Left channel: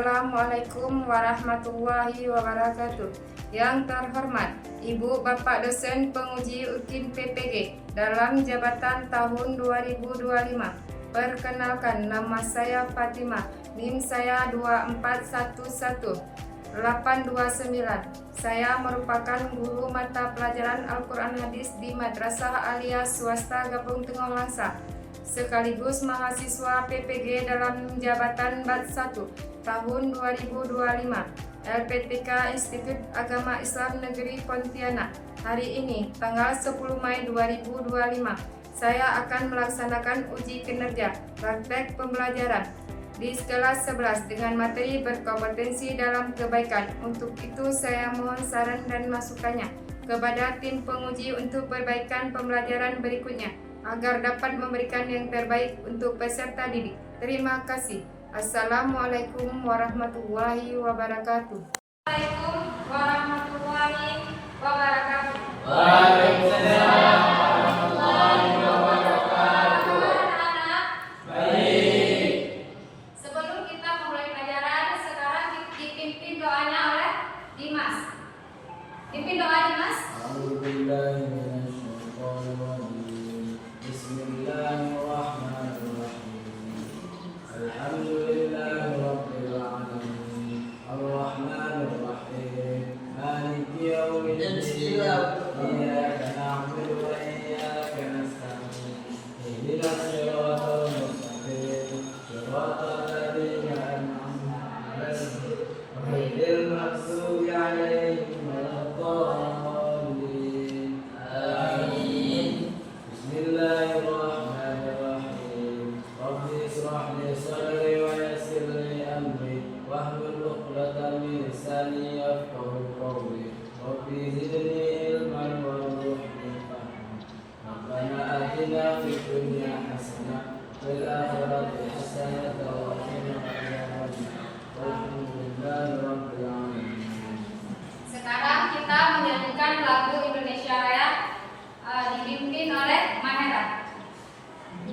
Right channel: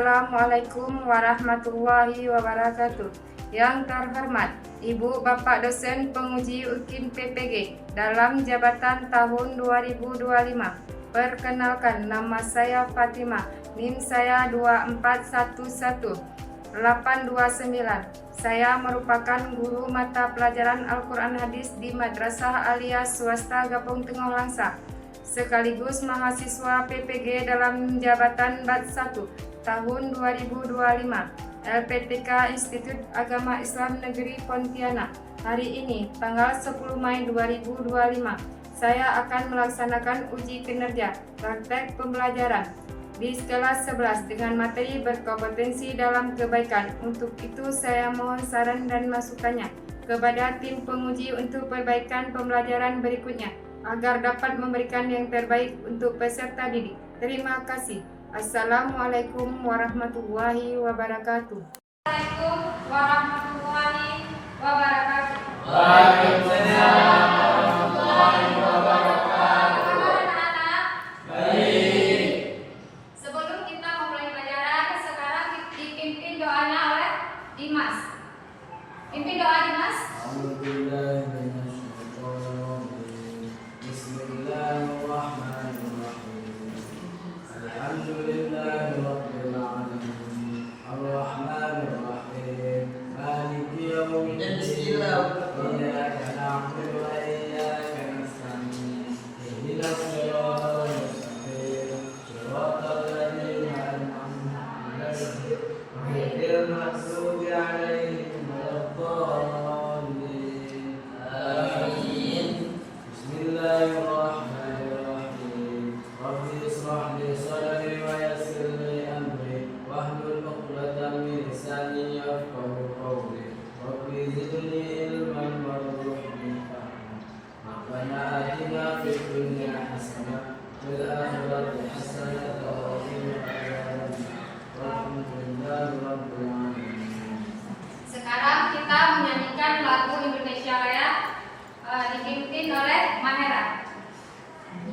Assalamualaikum warahmatullahi wabarakatuh. Yang terhormat Ibu Bapak dosen penguji UKIM PPG dalam jabatan tahun 2025. Perkenalkan, nama saya Fatimah, NIM saya 2411829. Saya merupakan guru mata pelajaran Al-Quran Hadis di Madrasah Aliyah Swasta Gapung Tengah Langsa, sekaligus mahasiswa PPG dalam jabatan Bat 1 tahun 2025 LPTK Institut Agama Islam Negeri Pontianak. Hari ini tanggal 10 Mei 2025 saya akan melaksanakan uji kinerja praktek pembelajaran di skala 11 dengan materi berkompetensi dalam kebaikan. Untuk itu saya mohon saran dan masukannya kepada tim penguji untuk perbaikan pembelajaran berikutnya agar dapat memberikan yang terbaik untuk peserta didik. Terima kasih. Assalamualaikum warahmatullahi wabarakatuh. Assalamualaikum warahmatullahi wabarakatuh. Waalaikumsalam warahmatullahi wabarakatuh. Anak-anak, baik. sebelum kita memulai pelajaran, sekarang dipimpin doanya oleh Dimas. Pimpin doa Dimas. Sekarang kita menyanyikan lagu Indonesia Raya dipimpin oleh Mahera.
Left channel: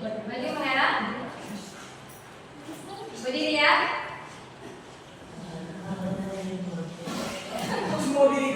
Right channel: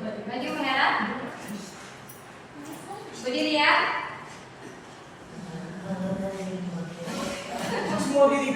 Maju Mahera. Berdiri ya. Semua diri.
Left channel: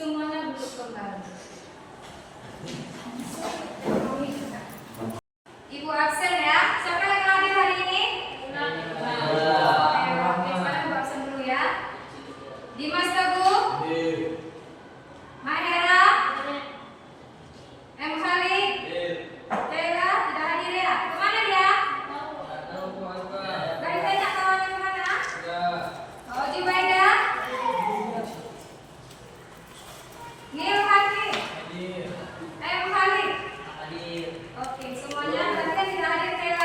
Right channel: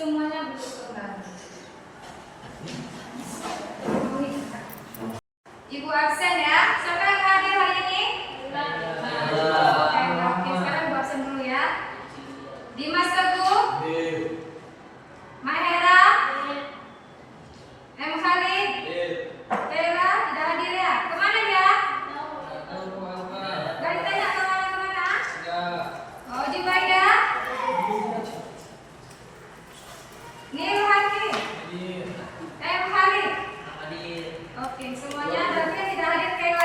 Semuanya duduk kembali. Ibu absen ya. Siapa yang hadir hari ini? Oke, sekarang ibu absen dulu ya. Dimas Teguh, Mahera, M. Khalid, Kayla tidak hadir ya. Kemana dia? Gak ditanya kemana? Oh, Jubaida, Nil Hakim, M. Khalid. Oke, semuanya tapi yang tidak hadir Kayla.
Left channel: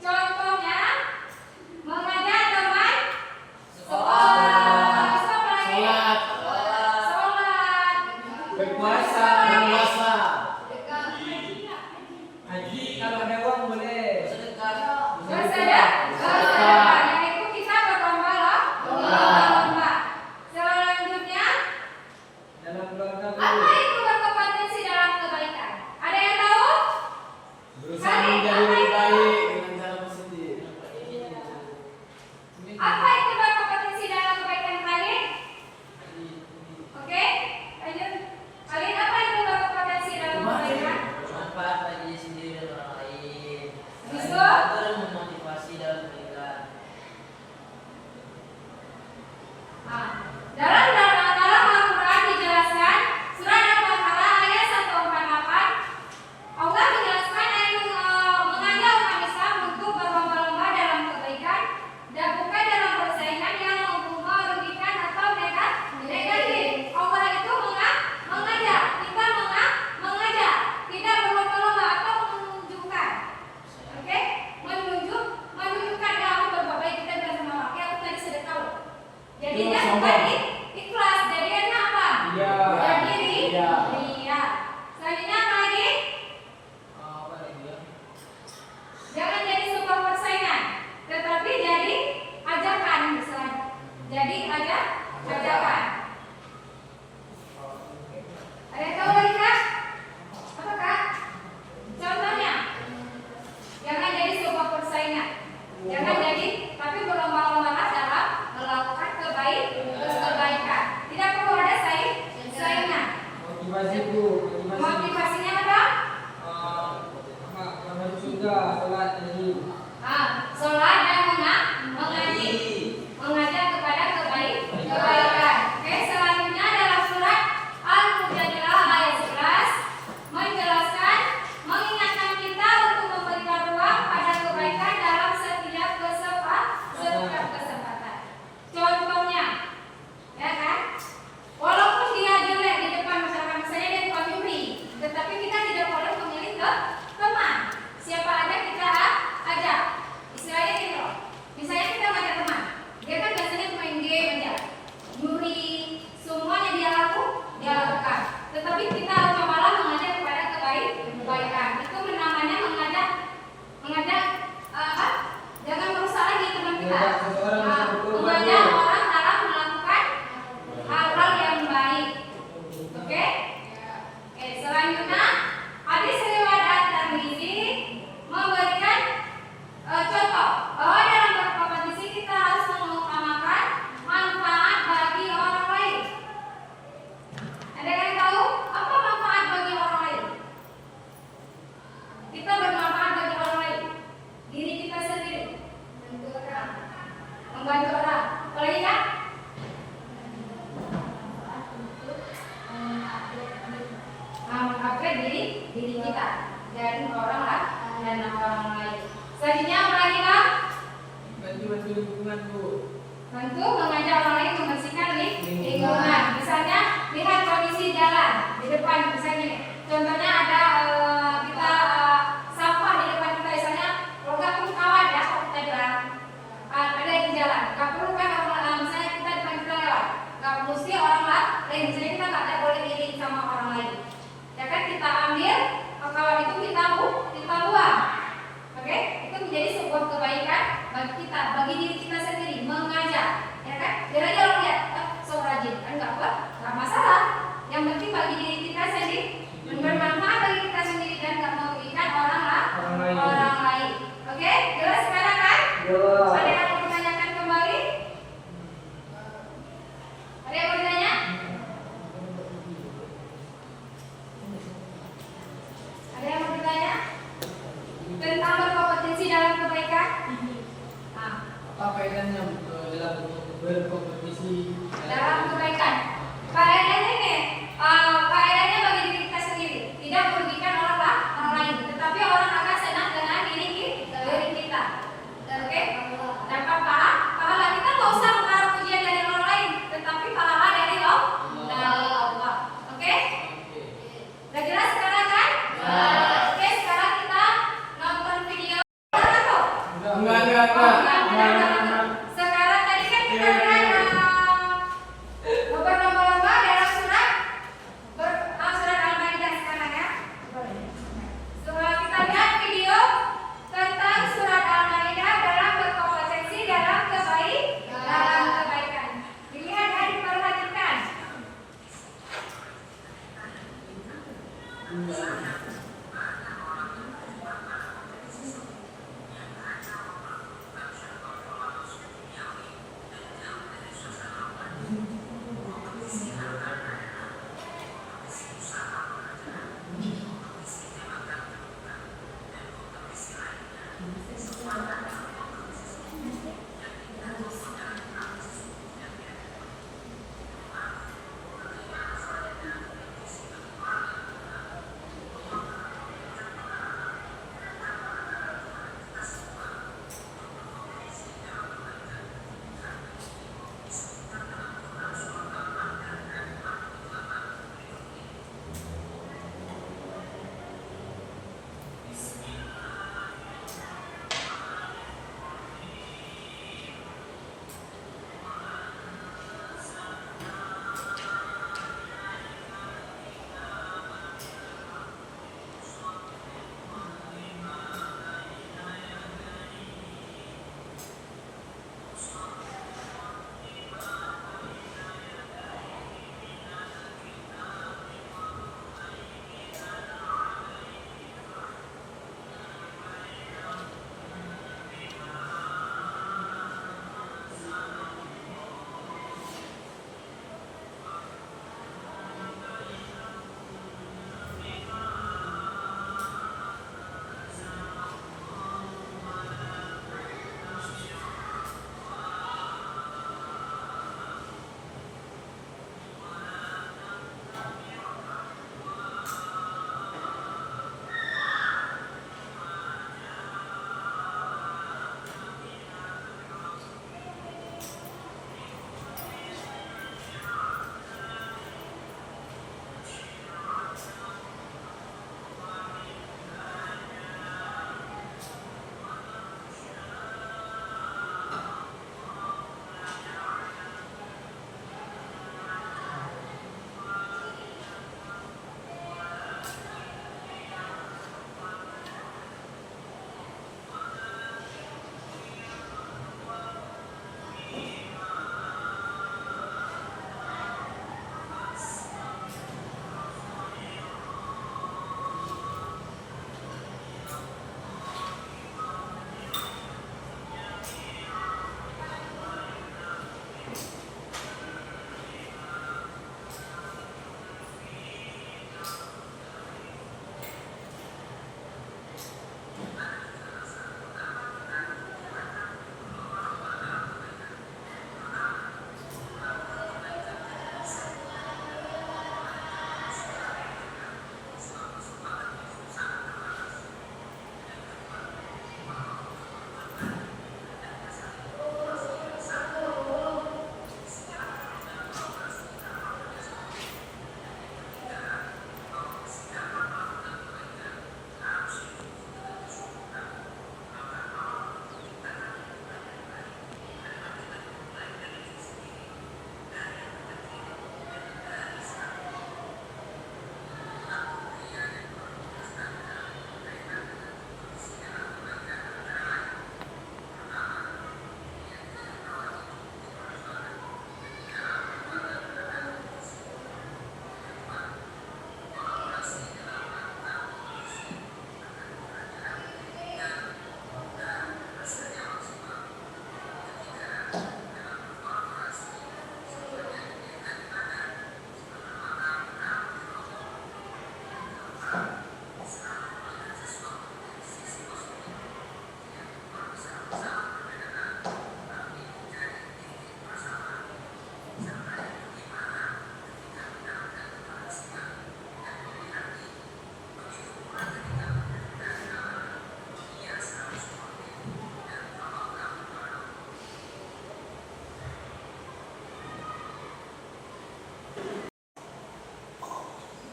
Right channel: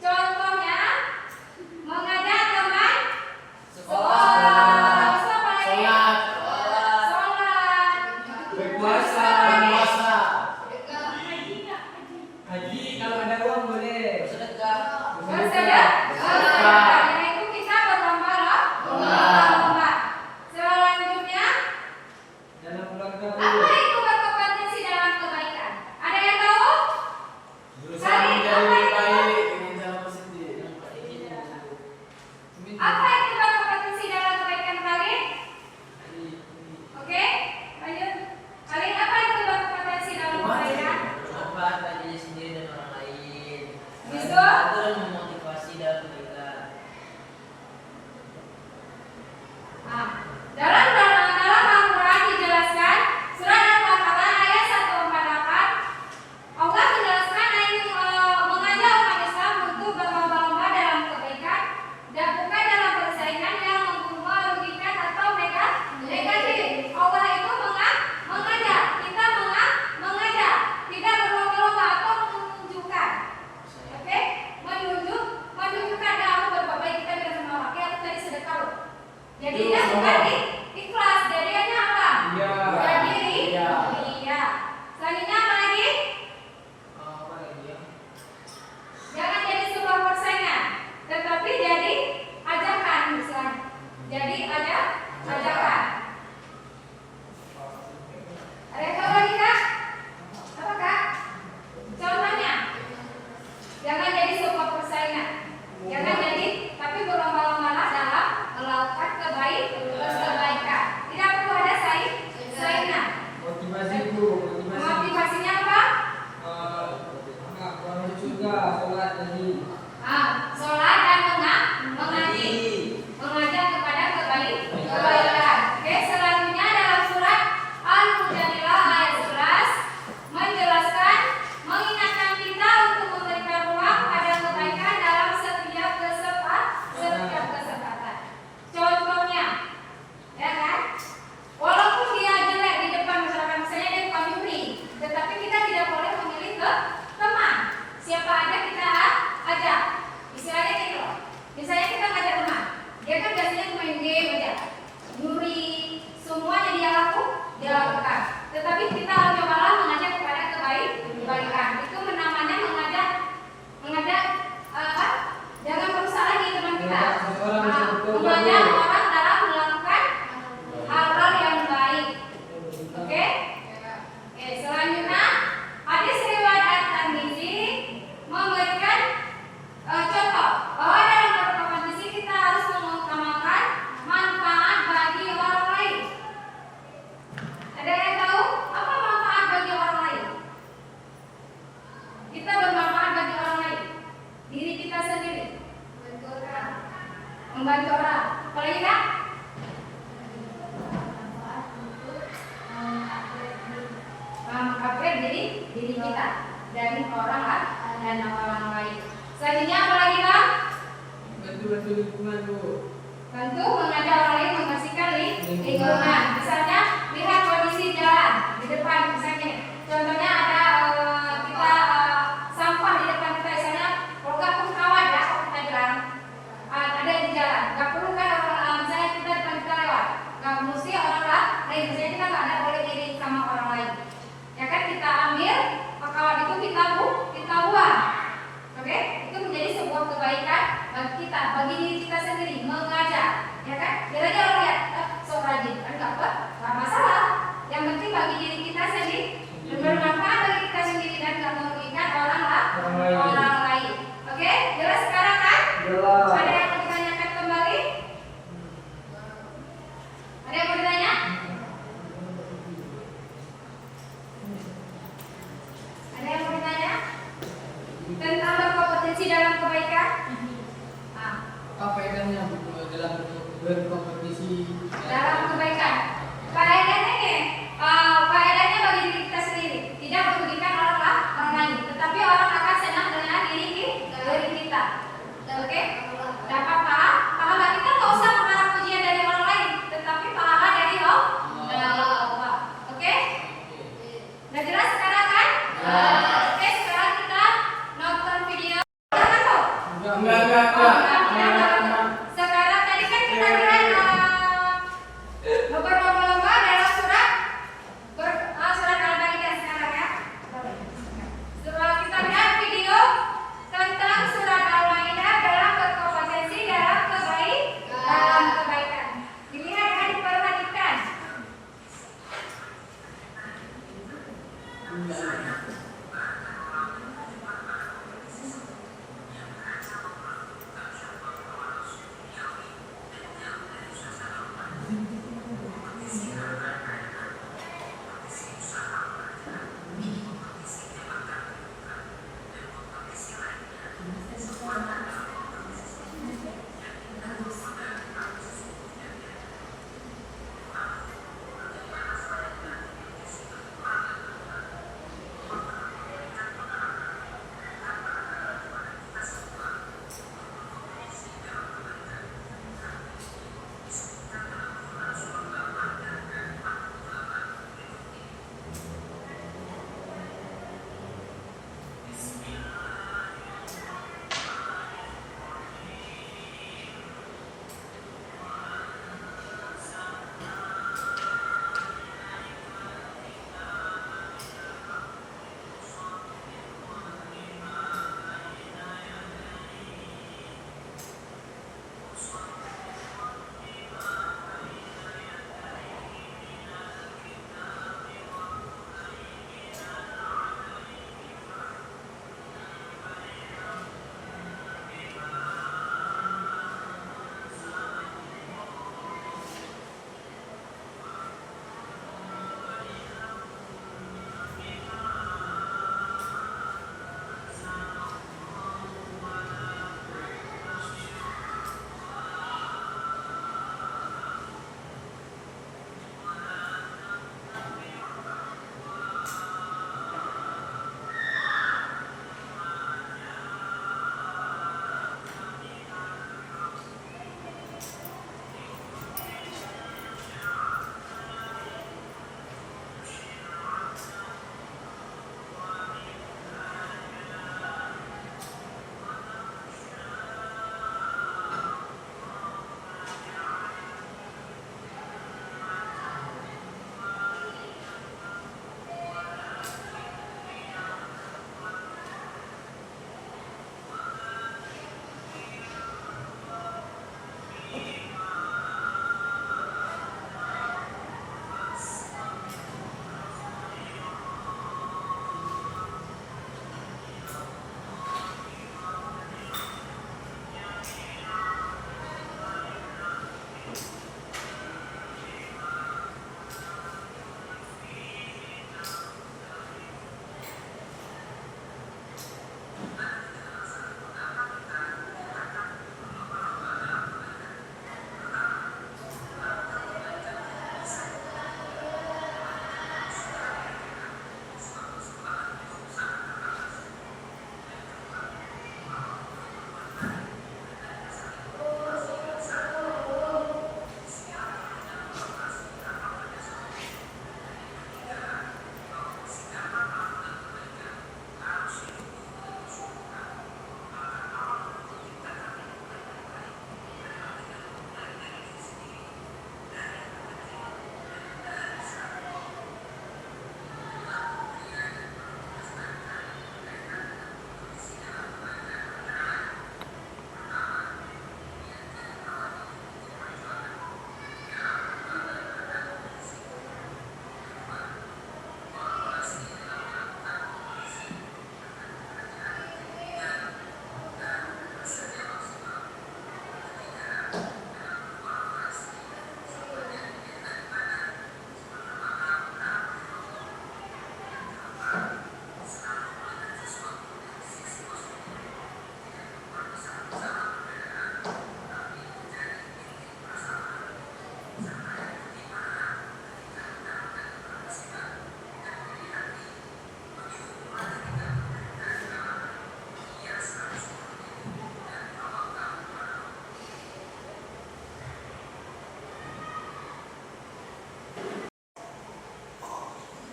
Contohnya mengajak teman sekolah. Terus apa lagi? Sholat. Berpuasa. Haji kalau ada uang boleh. Bersedekah. Yang itu kita berlomba-lomba. Selanjutnya, Dalam keluarga apa boleh. itu berkompetensi dalam kebaikan? Ada yang tahu? Berusaha menjadi lebih baik dengan cara positif. Apa itu berkompetensi dalam kebaikan terakhir? Oke, lanjut. Kalian apa itu berkompetensi dalam kebaikan? Bermanfaat bagi diri sendiri dan orang lain. Habis itu? Terus memotivasi dalam beribadah. Nah, dalam Al-Quran dijelaskan surat Al-Baqarah ayat 148 Allah menjelaskan ayat mengajak umat Islam untuk berlomba-lomba dalam kebaikan dan bukan dalam persaingan yang merugikan atau negatif. Allah itu mengajak, kita mengajak, tidak berlomba-lomba atau menunjukkan. Oke? Menunjukkan dalam berbuat baik kita bersama orang. Oke, aku tadi sedekah loh. Jadi dia bukan ikhlas, jadinya apa? Iya. Berdiri. Iya. Iya. Selanjutnya apa lagi? Apa lagi ya? Jangan jadi sebuah persaingan, tetapi jadi ajakan misalnya. Jadi ajakan. Ada yang tahu lagi kak? Apa kak? Contohnya, jangan jadi sebuah persaingan. Jangan jadi, tapi berlomba-lomba dalam melakukan kebaikan. Tidak perlu ada saingan. Motivasi bu. Motivasinya apa? Bangun surga, sholat tadi. Sholat dan mengajak kepada kebaikan. Oke, selanjutnya dalam surat Al-Mujadilah ayat 11 menjelaskan mengingatkan kita untuk memberikan ruang pada kebaikan dalam setiap kesempatan. Contohnya, ya kan? Walaupun dia jelek di depan masyarakat, misalnya dia tukang nyuri, tetapi kita tidak boleh memilih ke teman. Siapa aja kita ajak. Istilahnya gitu loh. Misalnya kita ngajak teman, dia kan biasanya main game aja, nyuri, semuanya dia lakukan. Tetapi kita cobalah mengajak kepada kebaikan. Itu namanya mengajak apa? Jangan merusak lagi teman kita. Mengajak orang dalam melakukan hal-hal yang baik. Oke? Selanjutnya hadis riwayat Tirmizi memberikan contoh bahwa dalam berkompetisi kita harus mengutamakan manfaat bagi orang lain. Ada yang tahu apa manfaat bagi orang lain? Kita bermanfaat bagi orang lain. Diri kita sendiri. Membantu orang. Apalagi kan? Mengupgrade diri kita dan orang lain. Selanjutnya apa lagi Bang? Bantu lingkungan bu. Tentu mengajak orang lain membersihkan lingkungan. Misalnya lihat kondisi jalan di depan misalnya. Contohnya ada kita sampah di depan kita misalnya. Kalau nggak perlu kawat ya kalau kita jalan. Ada di jalan. Nggak perlu kan orang misalnya kita depan kita lewat. Nggak mesti orang lain. Misalnya kita nggak boleh diri sama orang lain. Ya kan kita ambil kawat itu kita buang. Oke? Itu menjadi sebuah kebaikan bagi kita, bagi diri kita sendiri, mengajak, ya kan? Biar aja orang lihat, so rajin, kan nggak masalah. Yang penting bagi diri kita sendiri, bermanfaat bagi kita sendiri dan nggak merugikan orang lain. Oke? Jelas sekarang kan? Jelas. Ada yang mau ditanyakan kembali? Ada yang mau ditanya? Ada yang mau ditanya? Tentang berkompetensi dalam kebaikan? Apa faedahnya dalam berkompetisi? Dalam kebaikan. Faedahnya nih, faedahnya bagi diri kita sendiri, tidak merugikan orang lain, tetapi orang akan senang dengan diri kita. Oke? Dapat pahala kita nggak usah mengharap pujian dari orang lain, tetapi pahala dari Allah. Oke? Udah jelas sekarang kan? Oke, sekarang kita nonton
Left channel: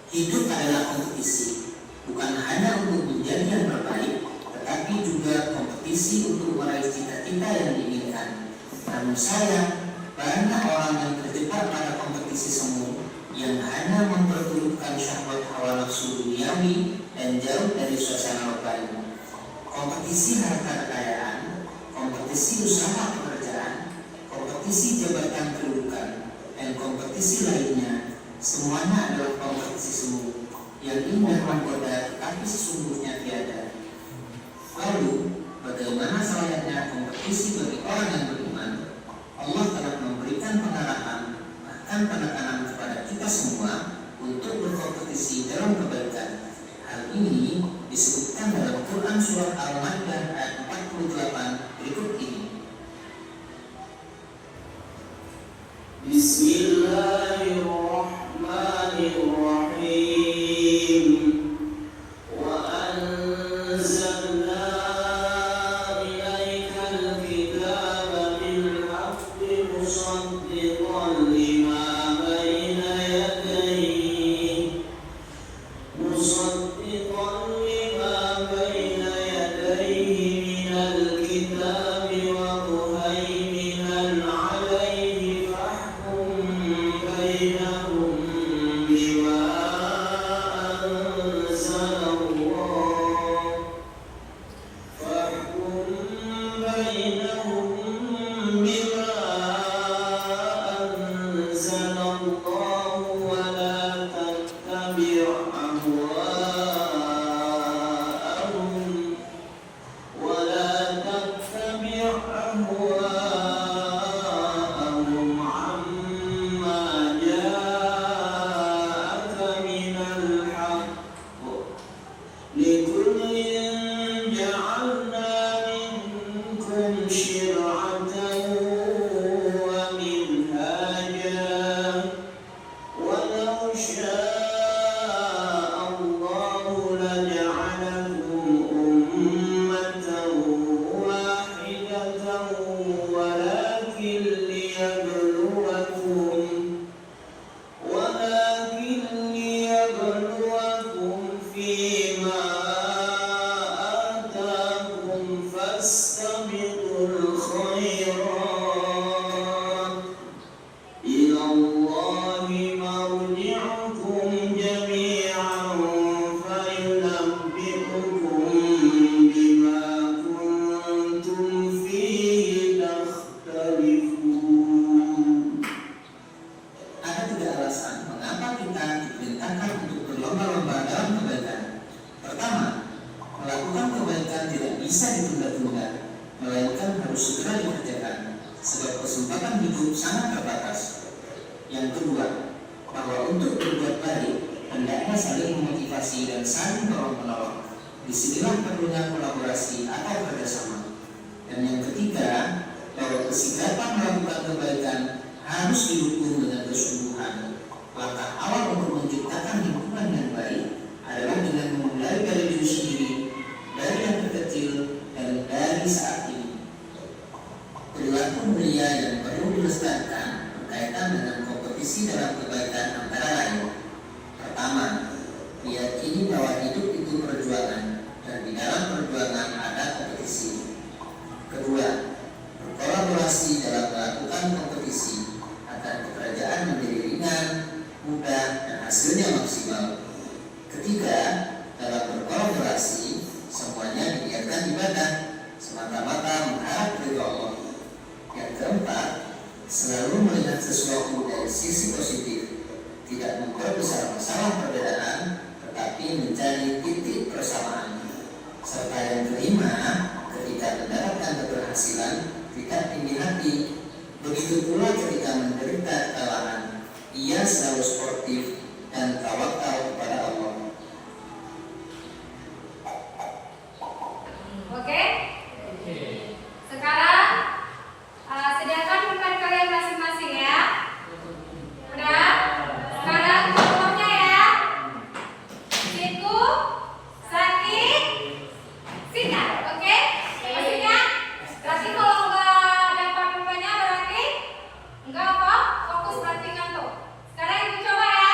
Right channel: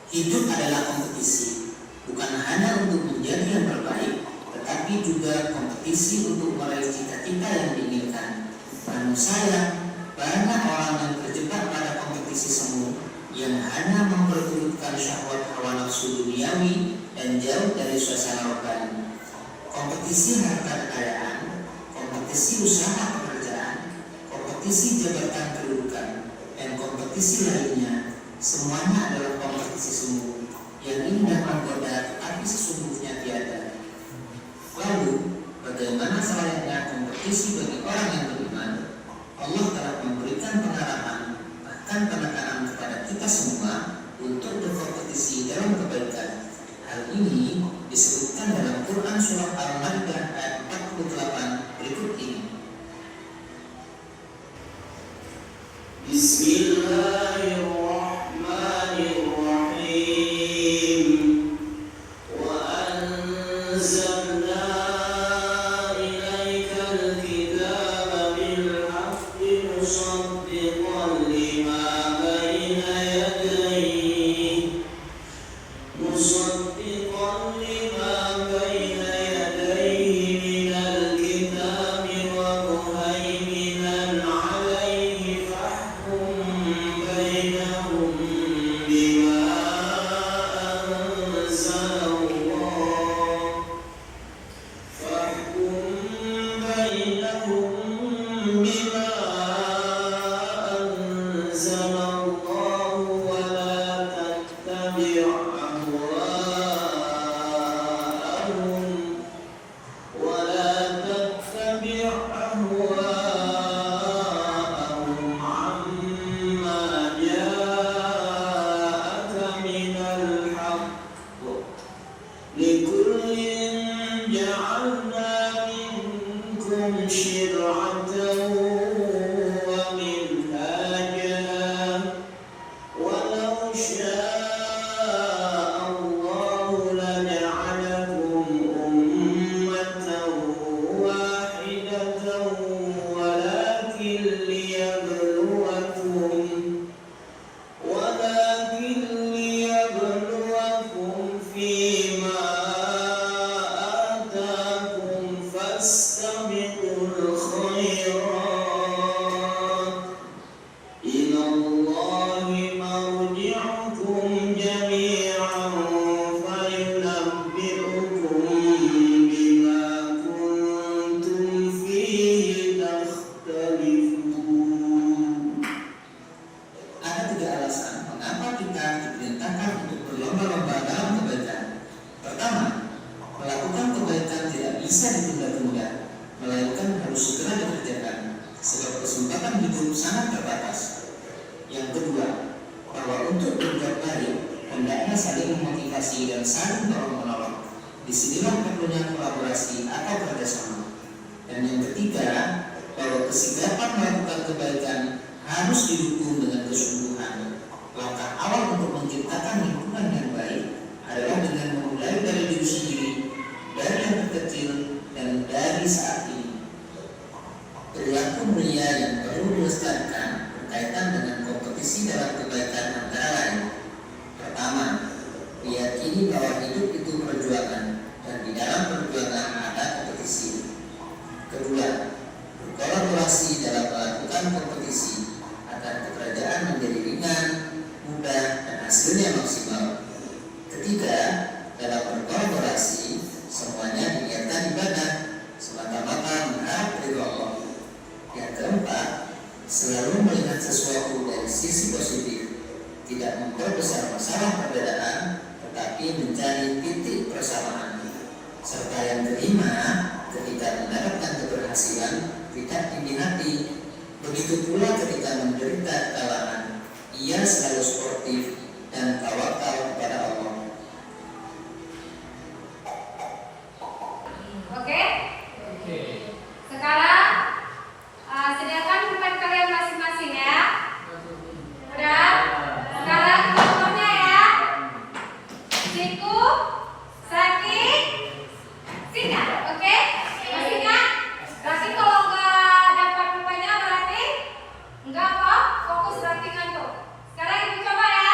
Hidup adalah kompetisi, bukan hanya untuk menjadi yang terbaik, tetapi juga kompetisi untuk meraih cita-cita yang diinginkan. Namun sayang, banyak orang yang terjebak pada kompetisi semu yang hanya memperturutkan syahwat hawa nafsu duniawi dan jauh dari suasana rohani. Kompetisi harta kekayaan, kompetisi usaha pekerjaan, kompetisi jabatan kedudukan, dan kompetisi lainnya, semuanya adalah kompetisi semu yang indah menggoda tetapi sesungguhnya tiada. Lalu, bagaimana selayaknya kompetisi bagi orang yang beriman? Allah telah memberikan pengarahan, bahkan penekanan kepada kita semua untuk berkompetisi dalam kebaikan. Hal ini disebutkan dalam Quran surah Al-Maidah ayat 48 berikut ini. Bismillahirrahmanirrahim. Wa anzalna ilaikal kitaba bil haqqi musaddiqan lima baina yadayhi minal kitabi wa muhaiminan alayhi fahkum bainahum bima anzalallah wa la tattabi' أهواءهم عما جاءك من الحق لكل جعلنا منكم شرعة ومنهاجا ولو شاء الله لجعلكم أمة واحدة ولكن ليبلوكم فيما آتاكم فاستبقوا الخيرات إلى الله مرجعكم جميعا فينبئكم بما كنتم فيه تختلفون. Ada 3 alasan mengapa kita diperintahkan untuk berlomba-lomba dalam kebaikan. Pertama, melakukan kebaikan tidak bisa ditunda-tunda, melainkan harus segera dikerjakan, sebab kesempatan hidup sangat terbatas. Yang kedua, bahwa untuk berbuat baik hendaknya saling memotivasi dan saling tolong-menolong. Disinilah perlunya kolaborasi atau kerjasama. Dan yang ketiga, bahwa kesigapan melakukan kebaikan harus didukung dengan kesungguhan. Langkah awal untuk menciptakan lingkungan yang baik adalah dengan memulai dari diri sendiri, dari yang terkecil dan dari saat ini. Perilaku mulia yang perlu dilestarikan berkaitan dengan kompetisi dalam kebaikan antara lain. Pertama, meyakini bahwa hidup itu perjuangan dan di dalam perjuangan ada kompetisi. Kedua, berkolaborasi dalam melakukan kompetisi agar pekerjaan menjadi ringan, mudah, dan hasilnya maksimal. Ketiga, dalam berkolaborasi semuanya diniatkan ibadah semata-mata mengharap ridho Allah. Yang keempat, selalu melihat sesuatu dari sisi positif, tidak memperbesar masalah perbedaan, tetapi mencari titik persamaan. Serta yang kelima, ketika mendapatkan keberhasilan, tidak tinggi hati. Begitu pula ketika menderita kekalahan, ia selalu sportif dan tawakal kepada Allah. Oke? Sekarang sediakan pulpen kalian masing-masing ya. Udah? Sekarang contohnya ya. Siku, sakit, singkat. Oke? Masihnya? Berarti kalau nggak dapat pulpennya berarti nggak apa? Fokus berarti ngantuk. Sekarang ibu coba ya.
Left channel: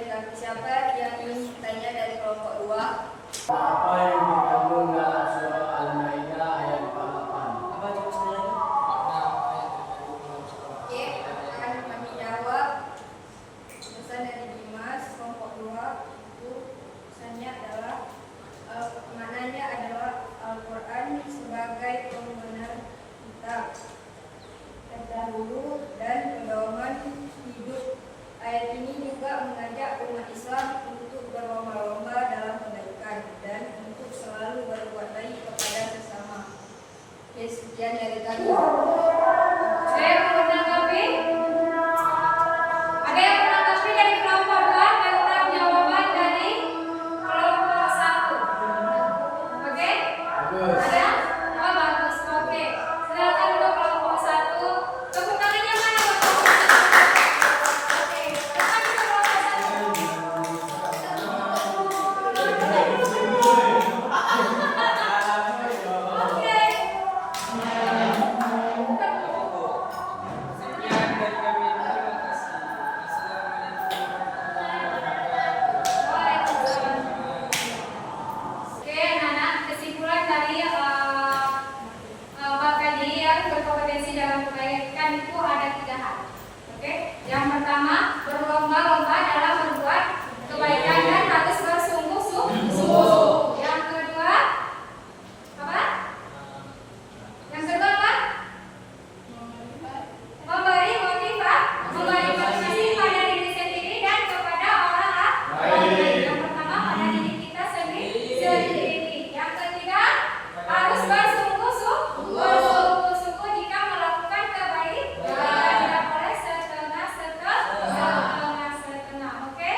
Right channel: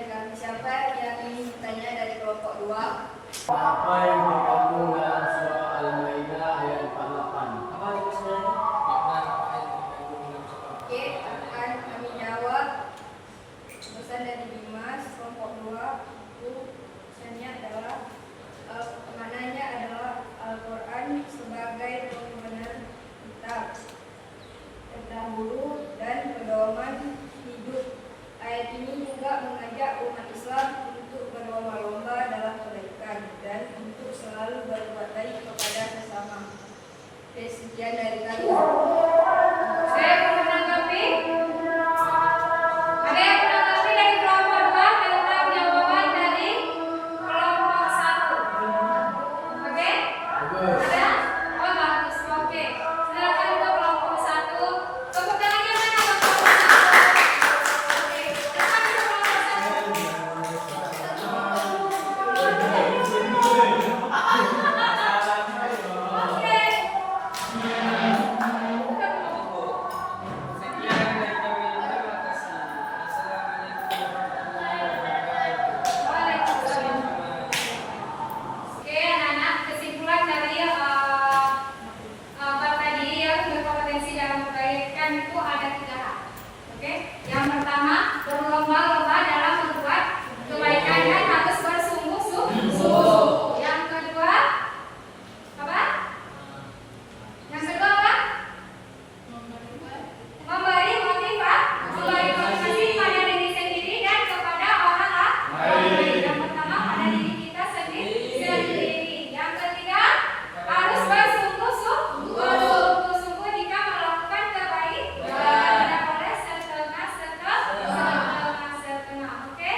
dari kami. Siapa yang ingin bertanya dari kelompok 2? Apa yang dikandung dalam surah Al-Maidah ayat 48? Apa di pasal lagi? Oke, akan kami jawab. Pesan dari Dimas kelompok 2 itu pesannya adalah maknanya adalah Al-Quran sebagai pembenar kitab terdahulu dan pedoman hidup. Ayat ini juga mengajak umat Islam untuk berlomba-lomba dalam kebaikan dan untuk selalu berbuat baik kepada sesama. Oke, sekian dari kami. Saya akan menanggapi. Ada yang menanggapi dari kelompok 2 tentang jawaban dari kelompok 1? Oke? Bagus. Ada? Oh bagus. Oke. Silakan untuk kelompok 1. Tepuk tangannya mana buat kelompok 1? Oke. Silakan untuk kelompok 1. Oke. Sekian dari kami. Terima kasih. Assalamualaikum Waalaikumsalam. Oke, anak-anak, kesimpulan dari bab tadi yang berkompetensi dalam kebaikan itu ada 3 hal. Oke, yang pertama berlomba-lomba dalam berbuat kebaikan dan harus bersungguh-sungguh. Yang kedua apa? Yang kedua apa? Memberi motivasi pada diri sendiri dan kepada orang lain. Yang pertama pada diri kita sendiri. Yang ketiga harus bersungguh-sungguh jika melakukan kebaikan. Tidak boleh setengah-setengah. Oke?